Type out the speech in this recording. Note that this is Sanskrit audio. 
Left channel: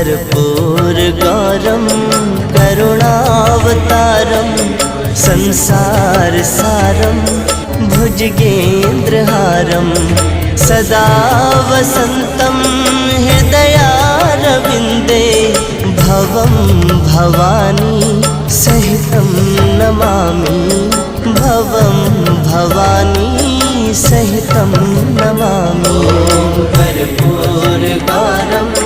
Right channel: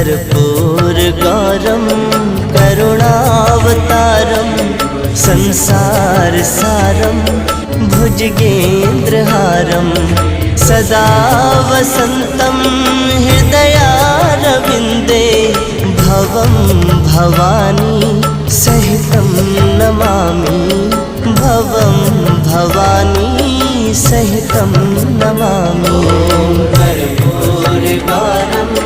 कर्पूरगौरं करुणावतारं संसारसारं भुजगेन्द्रहारं सदा वसन्तं हृदयारविन्दे भवं भवानी सहितं नमामि भवं भवानी सहितं नमामि कर्पूरगौरं